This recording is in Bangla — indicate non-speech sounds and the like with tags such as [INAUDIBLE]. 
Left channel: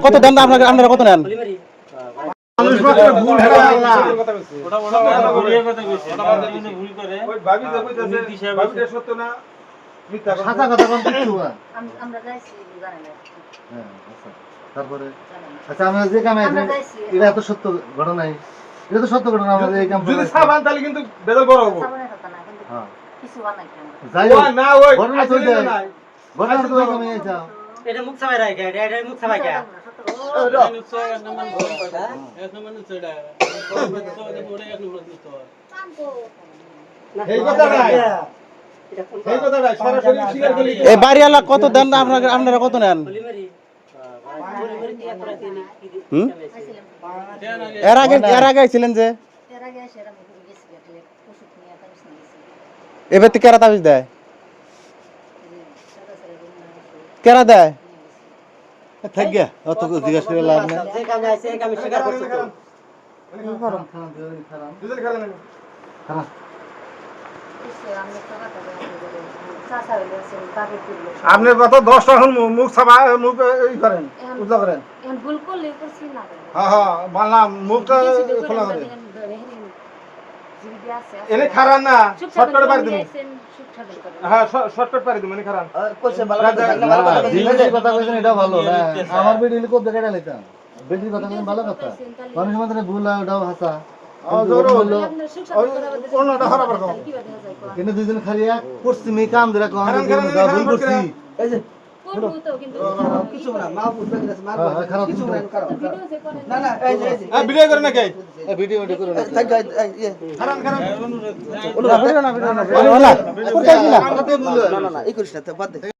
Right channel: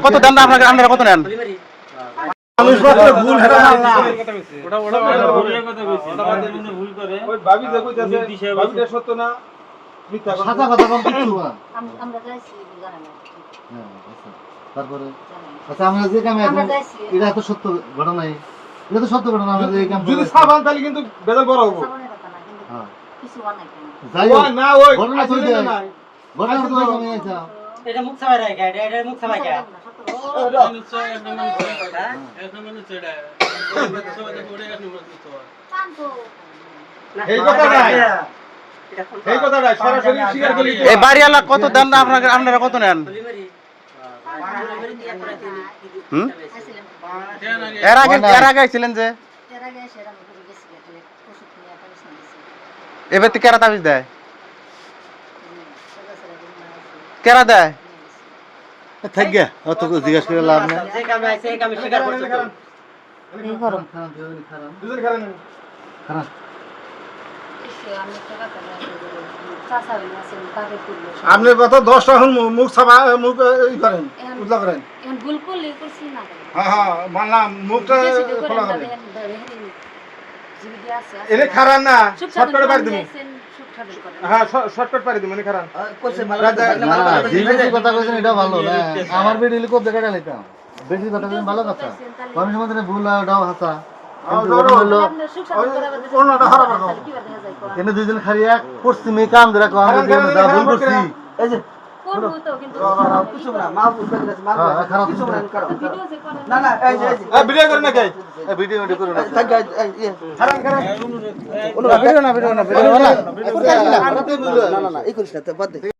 কত দেন আপনাকে আপনারা কত নেন? মানুষ মাত্র ভুল হেরা না। ওটা ওটা ওটা ভুলের কথা কইছি। ওটা বাদে ভুল করে। ওই ভাবি যে কইতাছে নীতি সাহেব ভাবিটা সত্য না মিথ্যা কথা। সাদা কথা বলতে [LAUGHS] কিছু না আম- আমরা যাইছি জানা না। তারপরে? আচ্ছা আমরা যে কামে এটা তো সত্য ঘটনাই। এটা তো সত্য ঘটনা আমরা যে এই কাম যদি সাবান তাহলে কিন্তু বেদল বড় হব। সাবনের কথা না, কিন্তু হ্যাঁ? যাই হোক না ওই ঘটনা তো নাই ঘটনা তো এটা মুখ সাবাই রাখা এটা এটা মুখ সাবাই। এই বাড়িওয়ালা কত দেন না আপনাকে আপনারা কত নেন? আইছিলাম। এর আগে এর আগে ছিলেন যে এর আগে এসে এরম করে গেছি, একটা ওষুধ নিয়ে একটা বিছানা গেছি। এবার তো কেরা তাবিজ দেয় করে দেয়। থাক অত জিজ্ঞাসা করে লাভ নাই। আপনি কত দশটা এখন মুখ সাবা মুখ ই করেন উদলা করেন এখন ভুল করলে করছি না কেন? হ্যাঁ হ্যাঁ মানলাম খোলা করেন, এনে না? খারান না শর্টকাটে পারি করেন। হ্যাঁ শর্টকাট পারি দিবেন এনে খারান। কইছে ভালো রাজা- কথা ভালো কথা কইছেন এটা ভালো হ্যাঁ। আমার ভিডিও লিখো দেখা লাইতাম বেশি কথা কইছেন ভালো কথা। মানুষের মধ্যে ভুল হয় ওটাও হাসা। কিন্তু দুইজন খারিয়া পশ্চিমে কাম ধরে কম ভুল করছি। এই যে করব তো, কিন্তু কিছু না মা ভুল গেছে মা হ্যাঁ, হ্যাঁ, খারাপ কিছু না ভিডিও করেন, না না এই এই ভিডিও করে নাকি? এই ভিডিও এটা করে না থাক এই খারান খারান ভিডিও না ভিডিও না ভিডিও না। না না না এই করিস না তো বাদ দে।